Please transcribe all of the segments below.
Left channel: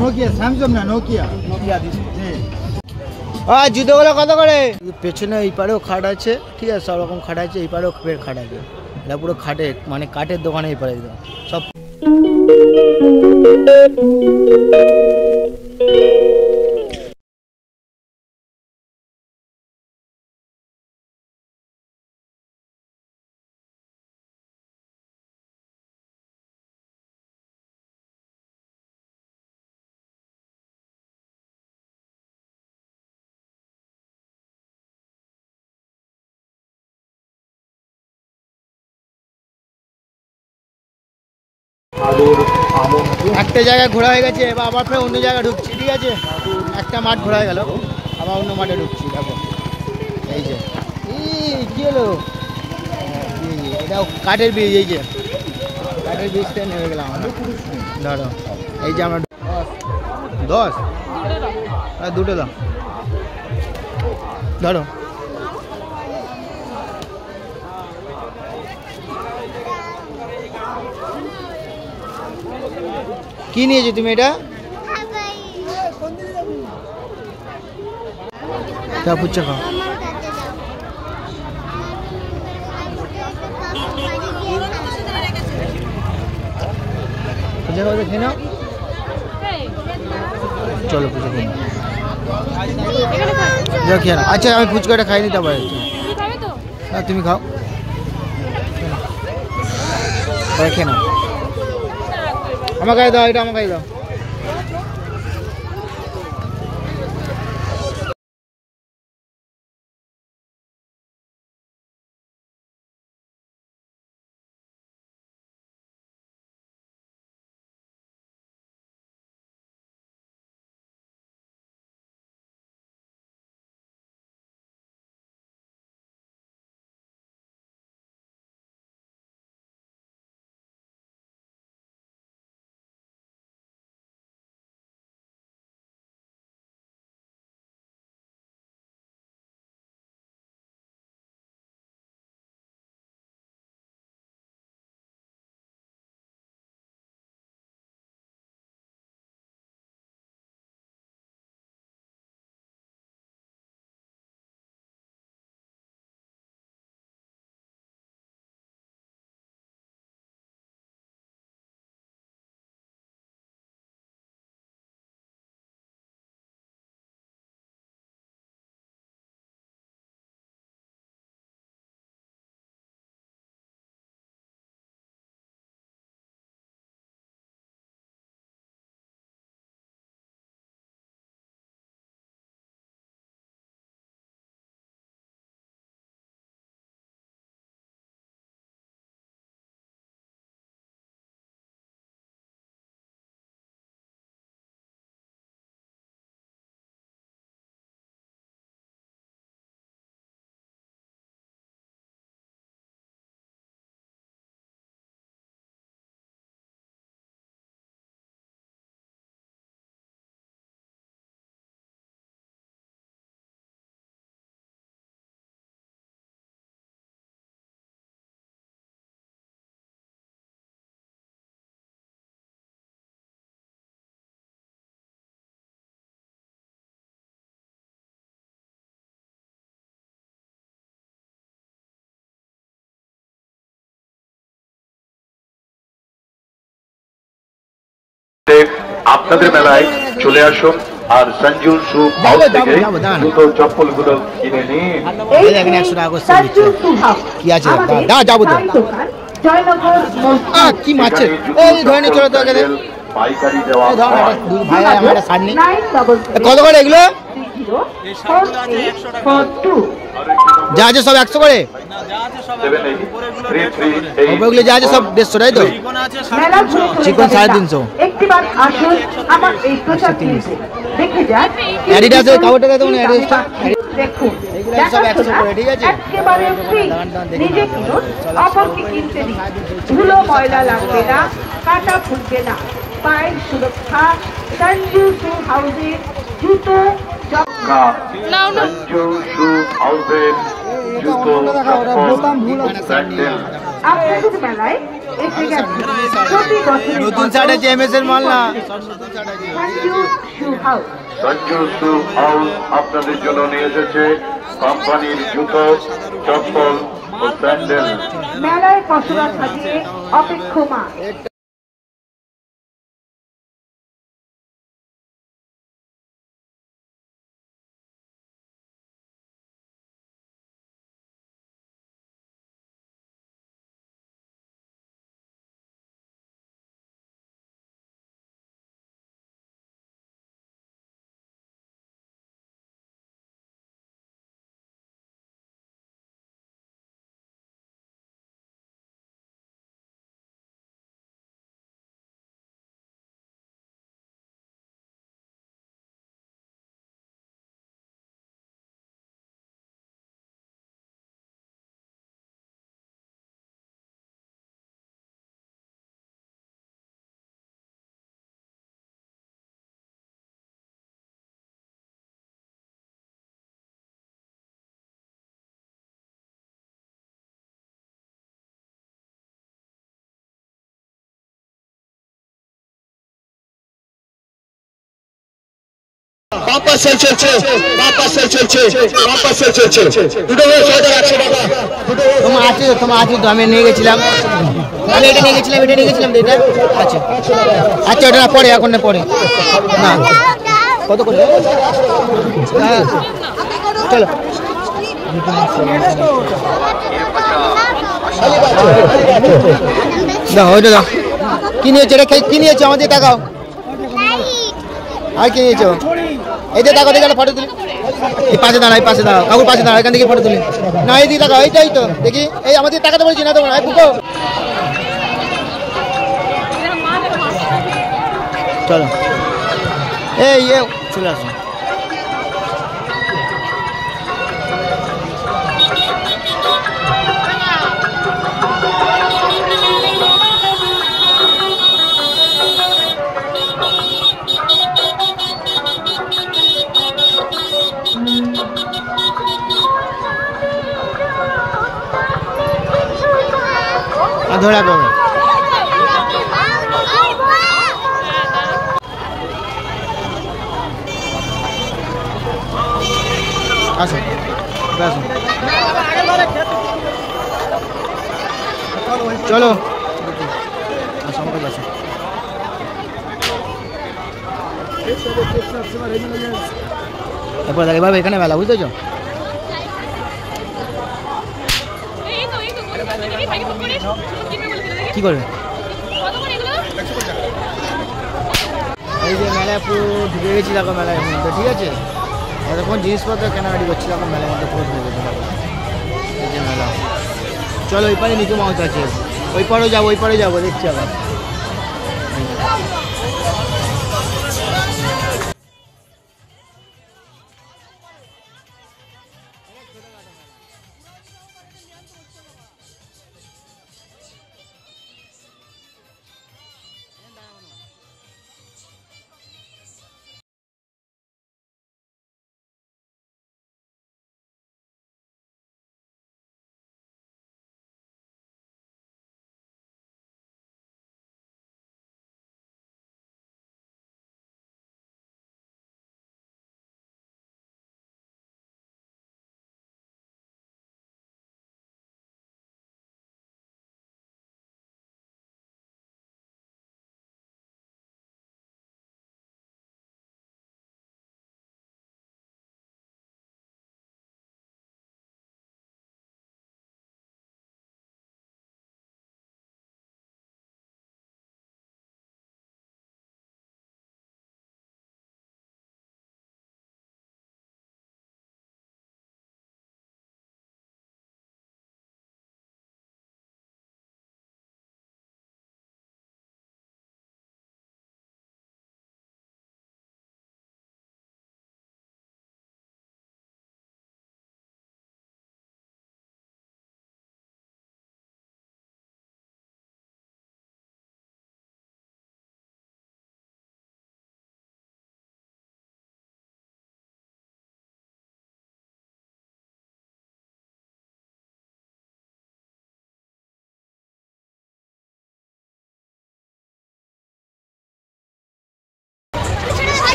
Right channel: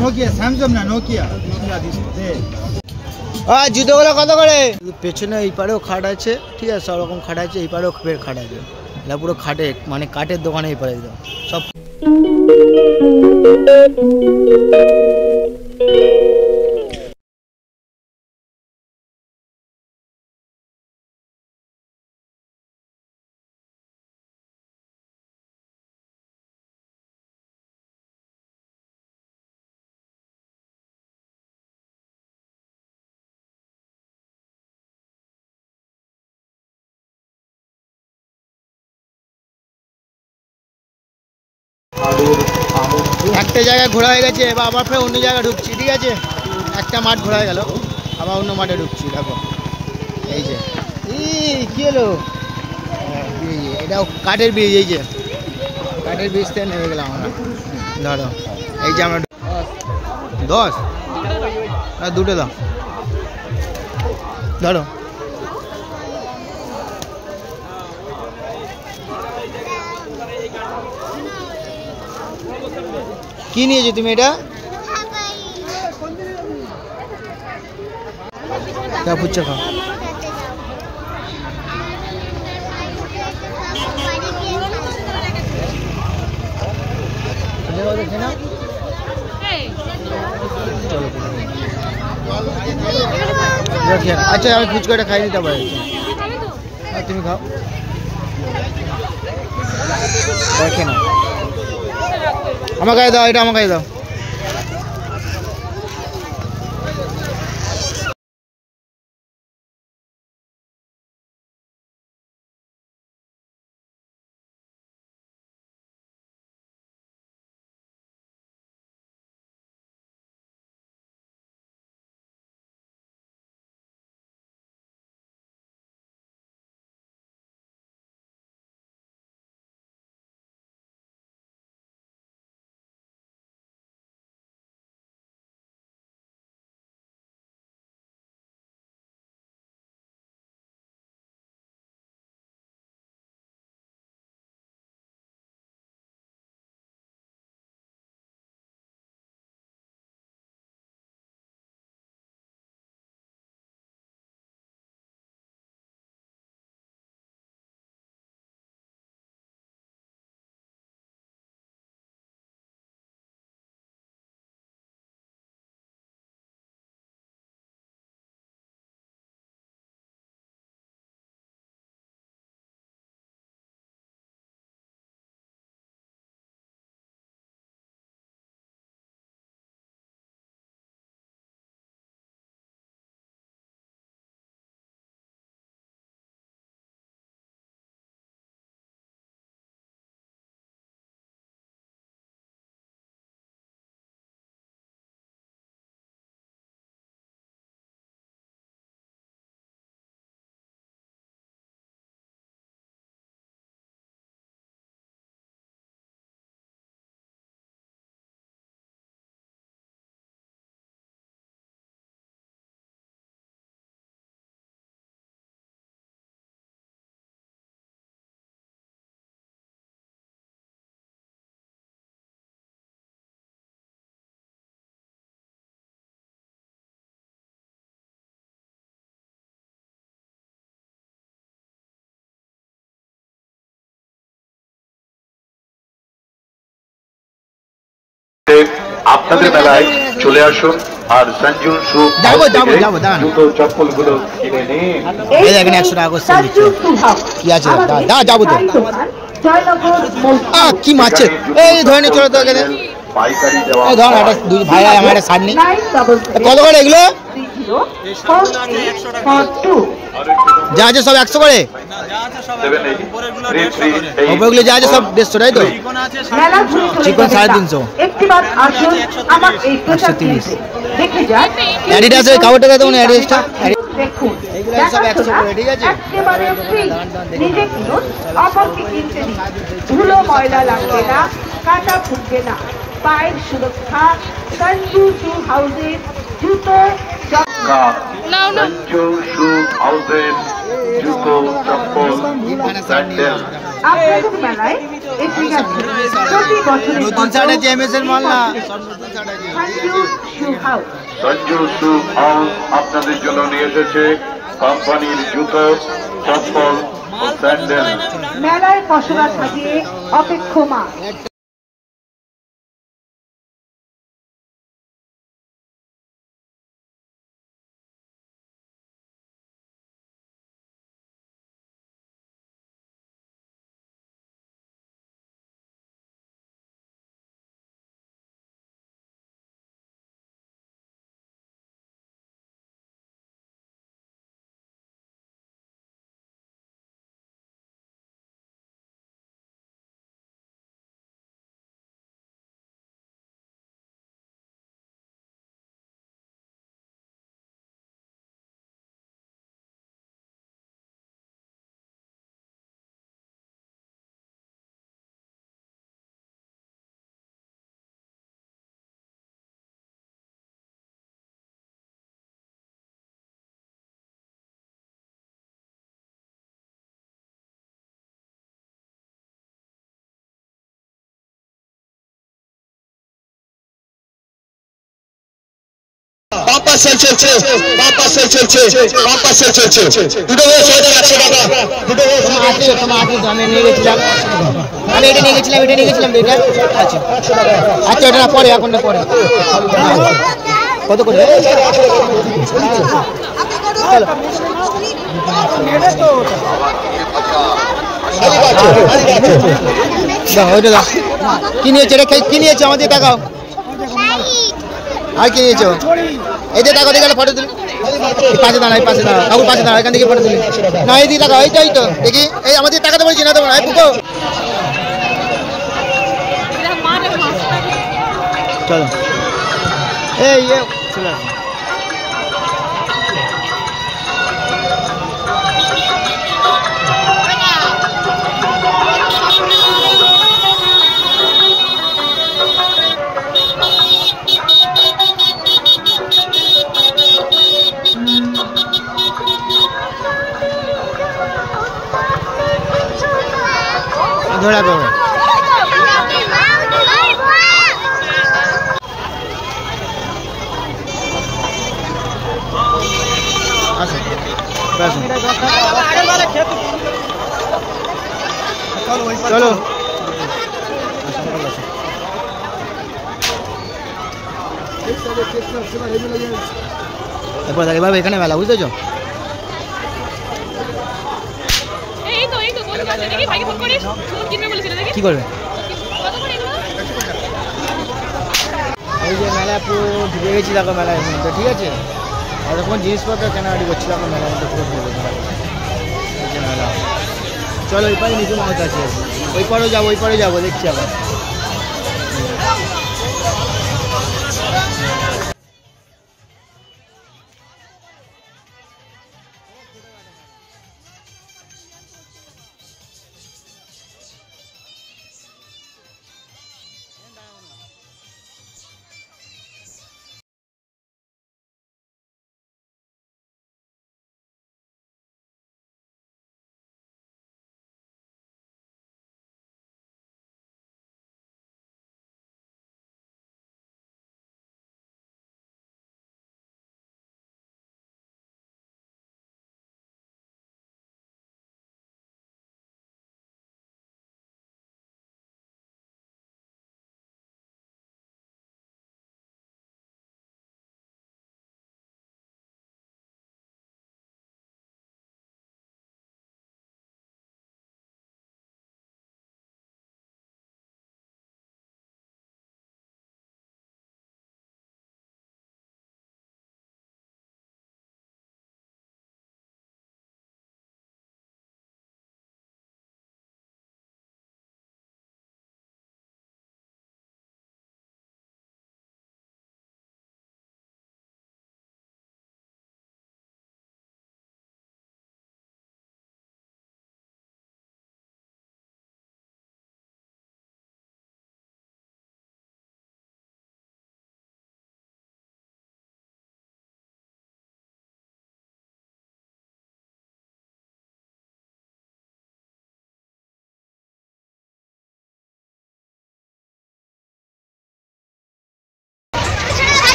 Nokia Samsung না Nokia দে জুতোগুলো কত করে? পেছনে এই পারেও খাট আছে, ঠিক আছে, সব রকম খাট আছে, এই পারেও খাট আছে, এটা পুরো খাটে মানে কাঠের দোকানে এই পারে একদম সব। একটা জায়গায় ঘোরা হয়ে গেছে, এবার আবার ফের অন্য জায়গায় ঢুকছি, ঠিক আছে, একটা মাঠ ঘোরা হয়ে গেল, আবার অন্য মাঠে ঢুকছি। দেখো এই যে কি হলো, এটা কাঠের ব্রিজ, এই যে কাঠের ব্রিজ থেকে নেমে গেলাম আমরা। ধরো এই যে আমরা 10 দুটো দাও, ধরো কি নিয়েছো তুমি? এটা পুচ্ছা খাও। চলো আচ্ছা আমি ফুচকাটা খাই দিতে পারি, তুমি খাও, দেখে না আমাকে দাও, এটা আমাকে দাও। আপনাদের মেলায় চলে আসুন আর সঞ্জু শু জুতো চপ্পল গুলো কিনে নিন। এখানে 100 টাকা করে কি আছে, যাবো তো কি মাছ এই ধরনের ছোট তো এখানে পাইকারি দেওয়া, এই ধর একটা দুই ভাই আমার একটা শাড়ি নেই, কত করে এগুলো? যা আছে সব 100 করে, ওপরগুলো যা আছে সব 150, তাই তো? চিকন 350, 130। অ্যাডিডাস এই কাপড়টা দেবো না, অ্যাডিডাসটা এগুলো সব 100 করে, ঠিক আছে? ধুলো ময়লা লাগবে না, কাটা ফুটবে না, পায়ের সুরক্ষা সঞ্জু শু হাউসের জুতো জুতো চপ্পল মেলায় এসে গেছে প্রতি বছরের নতুন শার্ট আছে এমএস এর মাল না, সব নতুন শার্ট আছে। সঞ্জু শু হাউস আপনাদের জন্য নিয়ে এসেছে কোম্পানির জুতো, চপ্পল ও স্যান্ডেল। মেলায় পসরা সাজিয়ে অপেক্ষমান। বাম্পার সেল চলছে, বাম্পার সেল চলছে, বাম্পার সেল চলছে। দুটো হয়ে 100 টাকা। তোমার আছে তো, আমি নিয়ে গেছিলাম, আমি এটা নিয়ে গেছিলাম, এটা নিয়ে গেছিলাম তো, এটা আচ্ছা আচ্ছা, ওটা পরে, এখন না পরে না। কত করে চলো দাও, ওইটা দাও। কি নিয়েছো এটা, কি নিয়েছো আমাদের টাকাও, আর কি নিয়েছো? এই যে টাকা দিয়ে গেলে ফটো তুলি, পাশে দাঁড়া, এই পাশে দাঁড়াও, কাকু পাশে দাঁড়াও, এখান থেকে ফটো তুলি না, এই দিয়ে টাকা, এইটাই তো দেখি, এই আমাদের টাকা তো বলছি না, দেবো না, এই বুকো চলো, এই চলে আসো। ধরে রাখবে আসো, আসো চলো, এরপর এবার এখানে মেলা, বুঝতেছো? কি করবে? এই যে মেলায় পুরো ঢুকে গেছি, দেখো মেলার মধ্যে, ঠিক আছে? এতক্ষণ জিনিসপত্র কেনাকাটি করছি, দেখো মেলার মধ্যে পুরো ঢুকে গেছি, দেখো এই যে মেলা। চলো ওই পারে নিচু মাউথ আছে, ওই পারেও যাবো, ওই পারে যাবো, দেখছি আবার।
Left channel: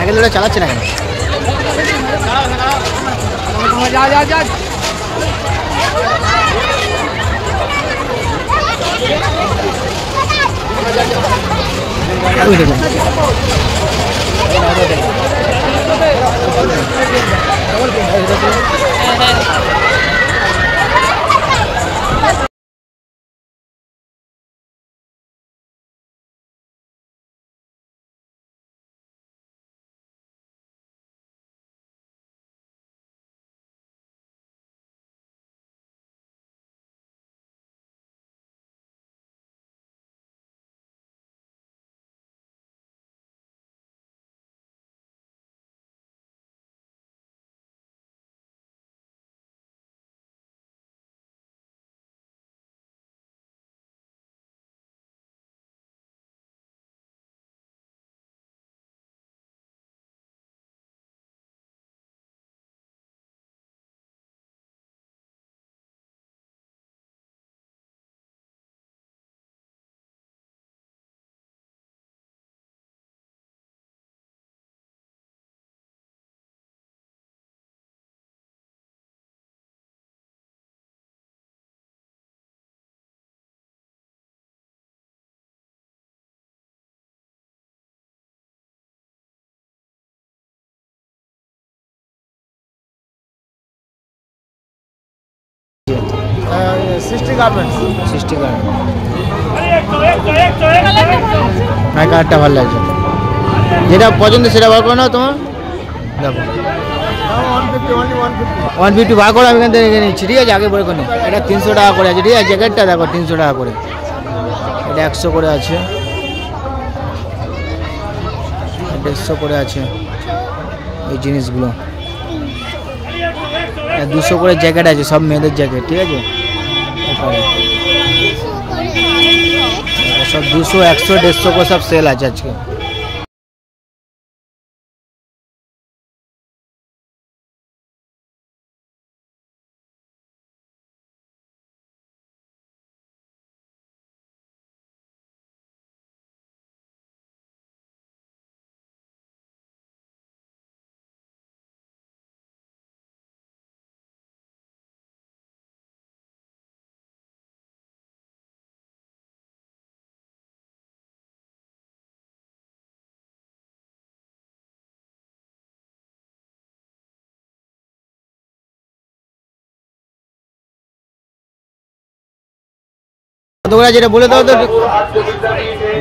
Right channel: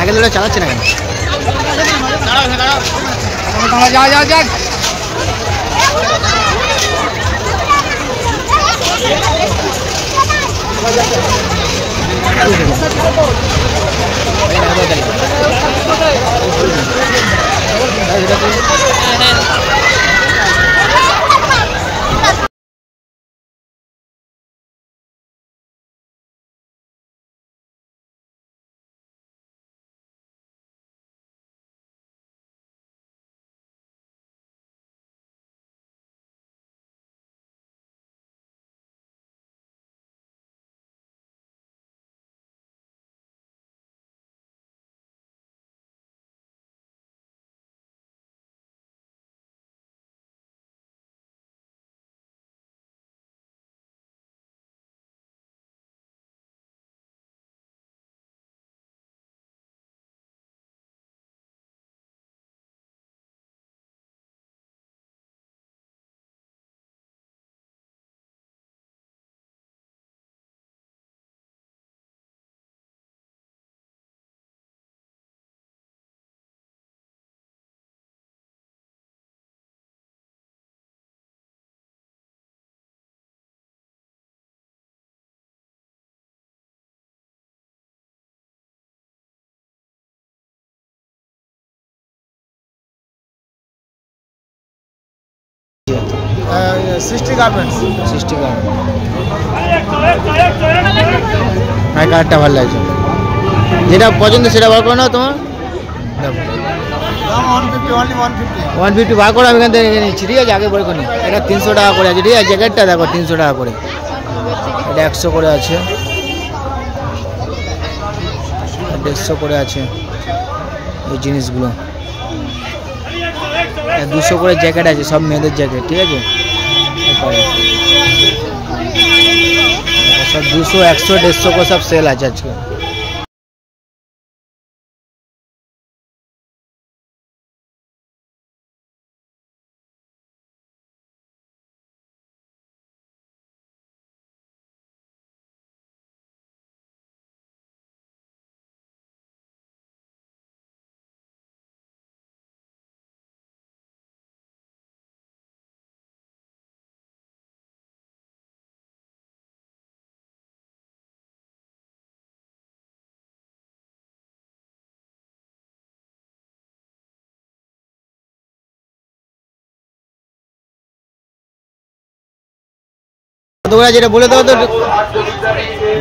সাইকেল ধরে চালাচ্ছে না কেন? সৃষ্টি গার্মেন্টস। সৃষ্টি গার্মেন্টস আমার কার্ডটা ভালো লাগছে, যেটা পছন্দ সেটা বার করো না তোমার। দেখো 150 বার করে আমি এখান থেকে নিচ্ছি, ঠিক আছে? আগে বলে করি এটা 300 টাকা করে আছে, ঠিক আছে? জ্যাকেটটা দেখো 300 টাকা করে, এটা 100 করে আছে, 150 করে আছে এই জিনিসগুলো। 200 করে জ্যাকেট আছে, সব মেয়েদের জ্যাকেট, ঠিক আছে? সব 200, 100, 150 করে সব সেল আছে আজকে। তোমরা যেটা বলে দাও তো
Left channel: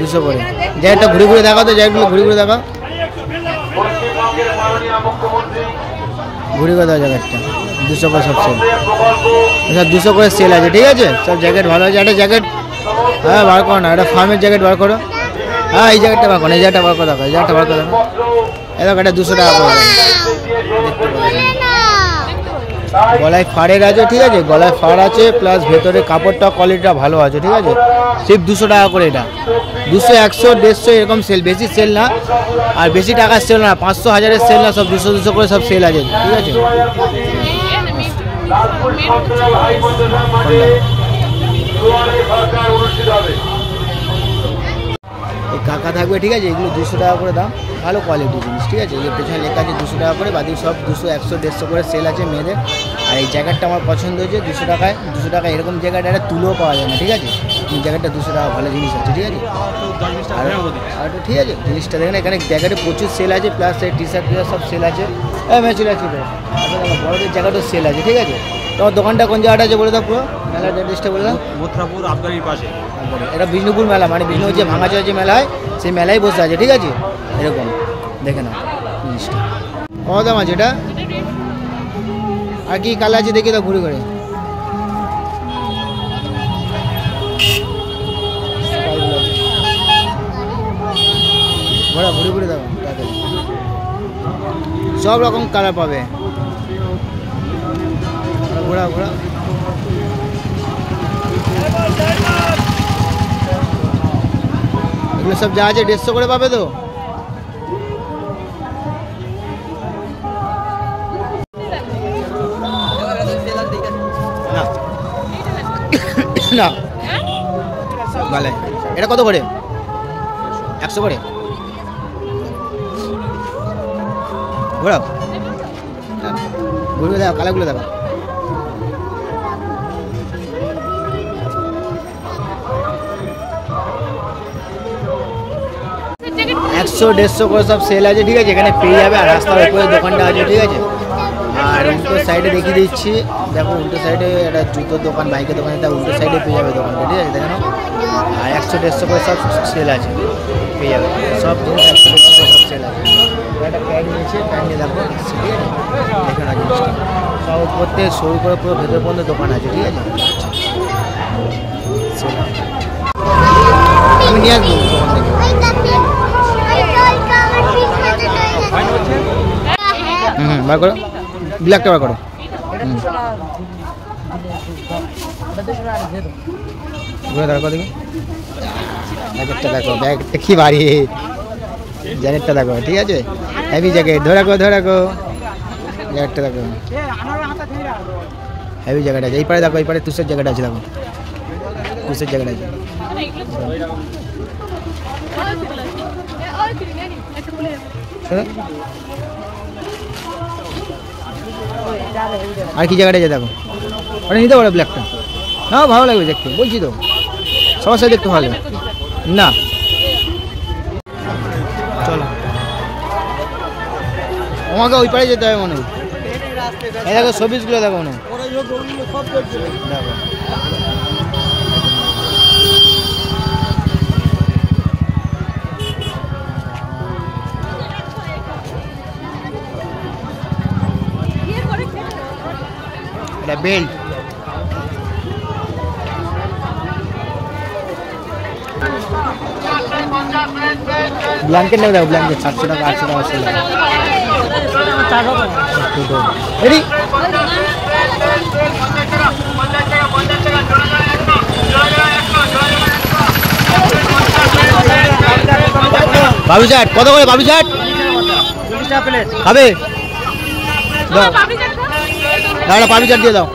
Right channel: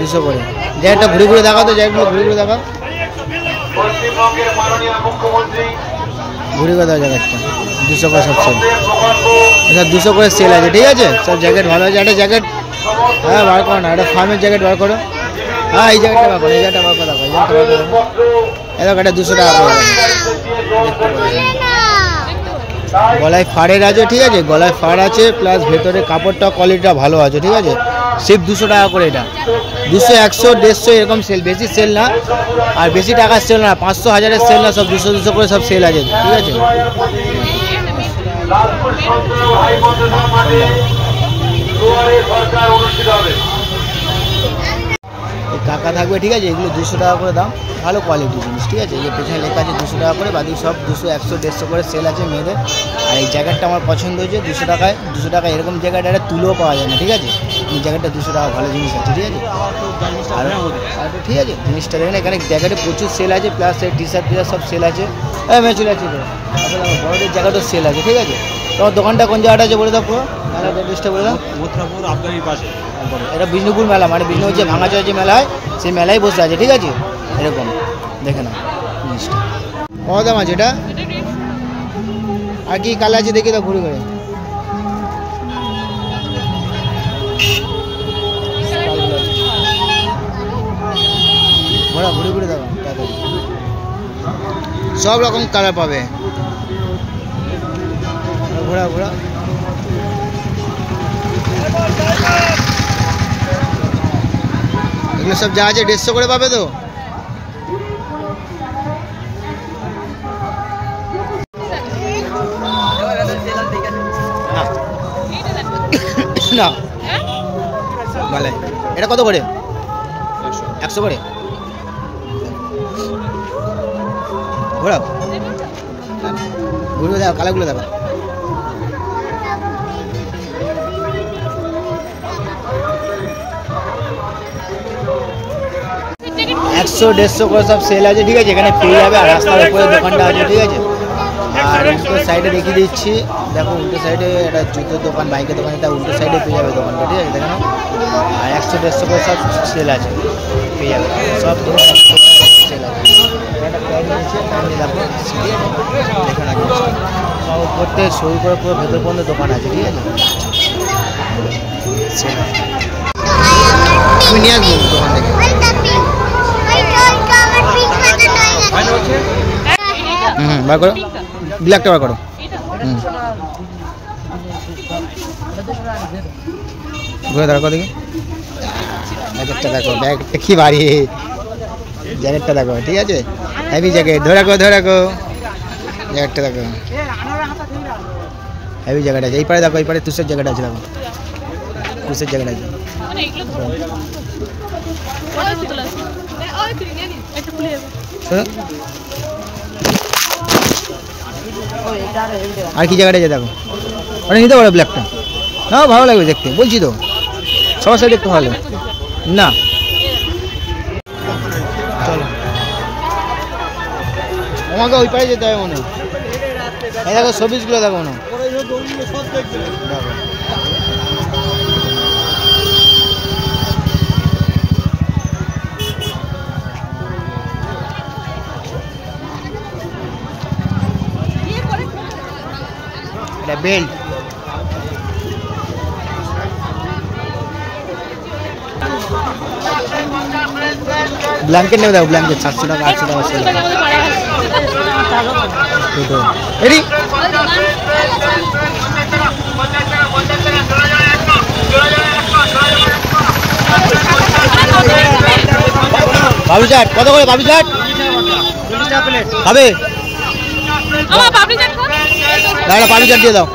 200 করে। জ্যাকেটটা ঘুরে ঘুরে দেখাও তো, জ্যাকেটগুলো ঘুরে ঘুরে দেখাও, ঘুরে ঘুরে দাও জ্যাকেটটা। 200 করে সব সেল, সব 200 করে সেল আছে, ঠিক আছে? সব জ্যাকেট ভালো আছে। একটা জ্যাকেট হ্যাঁ বার করো না, একটা ফার্মের জ্যাকেট বার করো। হ্যাঁ এই জ্যাকেটটা বার করো, এই জ্যাকেটটা বার করে দেখো, এই জ্যাকেটটা বার করে দেখো। এরকম একটা 200 টাকা করে দেখতে পাবেন। গলায় ফাড়ের আছে, ঠিক আছে? গলায় ফাড় আছে, প্লাস ভেতরে কাপড়টা কোয়ালিটিটা ভালো আছে, ঠিক আছে? সিপ 200 টাকা করে এটা। 200, 100, 150 এরকম সেল, বেশি সেল না, আর বেশি টাকার সেল না, 500, 1000-এর সেল না, সব 200, 200 করে সব সেল আছে, ঠিক আছে? এই কাকা থাকবে, ঠিক আছে? এগুলো 200 টাকা করে দাম, ভালো কোয়ালিটির জিনিস, ঠিক আছে? এই পেছনে লেখা আছে 200 টাকা করে, বাকি সব 200, 100, 150 করে সেল আছে মেয়েদের। আর এই জ্যাকেটটা আমার পছন্দ হয়েছে 200 টাকায়। 200 টাকা এরকম জ্যাকেট একটা তুলেও পাওয়া যায় না, ঠিক আছে? এই জ্যাকেটটা 200 টাকা, ভালো জিনিস আছে, ঠিক আছে? আর ঠিক আছে জিনিসটা দেখেন, এখানে জ্যাকেটে প্রচুর সেল আছে, প্লাস এই টি শার্ট সব সেল আছে। মেশিন আছে তো, আসলে আমার বড়দের জ্যাকেটও সেল আছে, ঠিক আছে? তোমার দোকানটা কোন জায়গাটা আছে বলে দাও, পুরো মেলার অ্যাড্রেসটা বলে দাও। মথুরাপুর আবগারির পাশে। এটা বিষ্ণুপুর মেলা, মানে বিষ্ণুপুর যে ভাঙাচোরা যে মেলা হয় সেই মেলায় বসে আছে, ঠিক আছে? এরকম দেখে নাও জিনিসটা। কত দাম আছে এটা? আর কি কালার আছে দেখি তো ঘুরে ঘুরে। ঘোরা ঘুরে ঘুরে দেখো তাড়াতাড়ি, সব রকম কালার পাবে। ঘোরা ঘোরা এগুলো সব যা আছে 150 করে পাবে তো। না ভালো, এটা কত করে? 100 করে। ঘোরাও ঘুরে দেখো কালাগুলো দেখো। একশো 150 করে সব সেল আছে, ঠিক আছে, এখানে পেয়ে যাবে। আর রাস্তার উপরে দোকানটা আছে, ঠিক আছে। আর উল্টো সাইডে দেখিয়ে দিচ্ছি, দেখো উল্টো সাইডে একটা জুতোর দোকান, বাইকের দোকান, এটা উল্টো সাইডে পেয়ে যাবে দোকানটা, ঠিক আছে, দেখে নাও। আর 100-150 করে সব সেল আছে, পেয়ে যাবে সব জিনিস 100-150 করে সব সেল আছে। একটা প্যান্ট নিয়েছে, প্যান্ট নিয়ে দেখো, ঠিক আছে, দেখে না জিনিসটা সব উপর থেকে শুরু করে পুরো ভেতর পর্যন্ত দোকান আছে, ঠিক আছে, সেল আছে। আমি নিয়ে আসবো দোকান থেকে। বার করো, ব্ল্যাকটা বার করো। ঘুরে দেখো দেখি, জ্যাকেটটা দেখো, ব্যাগটা কি ভারী, জ্যাকেটটা দেখো, ঠিক আছে, হেভি জ্যাকেট। ধরে রাখো ধরে রাখো, জ্যাকেটটা দেখো, হেভি জ্যাকেট আছে। এই পারে দেখো, এই পারে তুষের জ্যাকেট আছে, দেখো তুষের জ্যাকেট আছে। আর কি জায়গাটা আছে দেখো, ওটা নিতে পারো ব্ল্যাকটা, না ভালো লাগবে দেখতে, বলছি তো সবার সাথে দেখতে ভালো না। চলো আমাকে ওই পারে যেতে হবে মনে হয়। এই দেখো শোপিসগুলো দেখো না, দেখো বেল্ট, ব্ল্যাঙ্কেট নেবে দেখো, ব্ল্যাঙ্কেট 700 টাকা 800 টাকা সেল। এডি বাবু চাট কত করে? বাবু চাট 40 টাকা প্লেট। খাবে না, পাবি চাট দিয়ে দাও।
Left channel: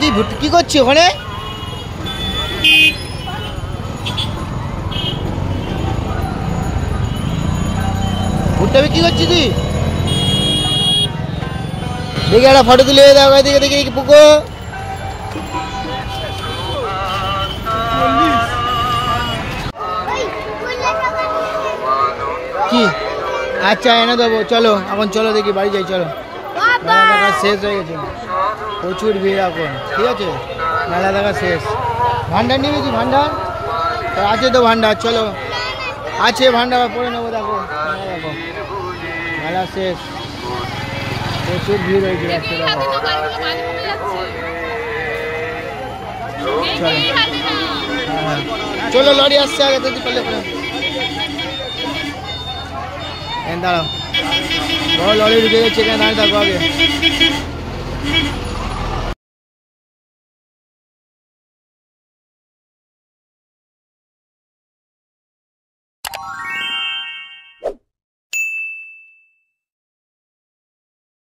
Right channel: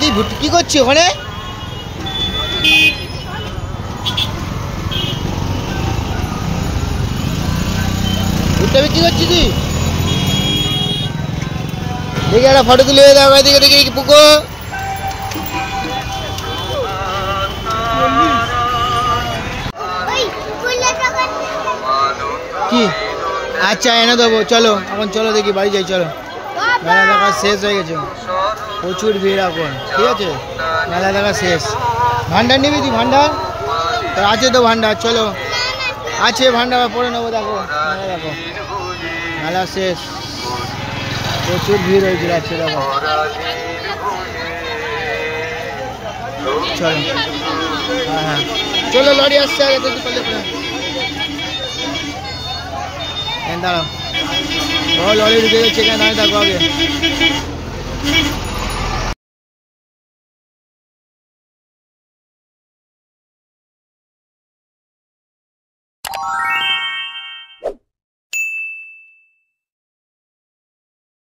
তুই কি করছিস ওখানে? ভুট্টা কি করছিস তুই? দেখি একটা ফটো তুলে দাও, দেখে দেখি পুকো কি। আচ্ছা এনে দেবো, চলো এখন চলো দেখি বাড়ি যাই, চলো মেলা দেখা শেষ হয়ে গেছে, প্রচুর ভিড় এখন, ঠিক আছে মেলা দেখা শেষ। ভান্ডার নিবি তুই ভান্ডার? তো আছে তো ভান্ডার, চলো আছে ভান্ডার পরে নেবো। দেখো মেলা, দেখো মেলা শেষ, প্রচুর ভিড় হয়েছিল আজকে। দেখো চলো, হ্যাঁ চলো, লরি আসছে আগে তো চলে পরে দাঁড়াও, বড় লরি ঢুকে যাচ্ছে, এখানে দাঁড়িয়ে থাকো আগে।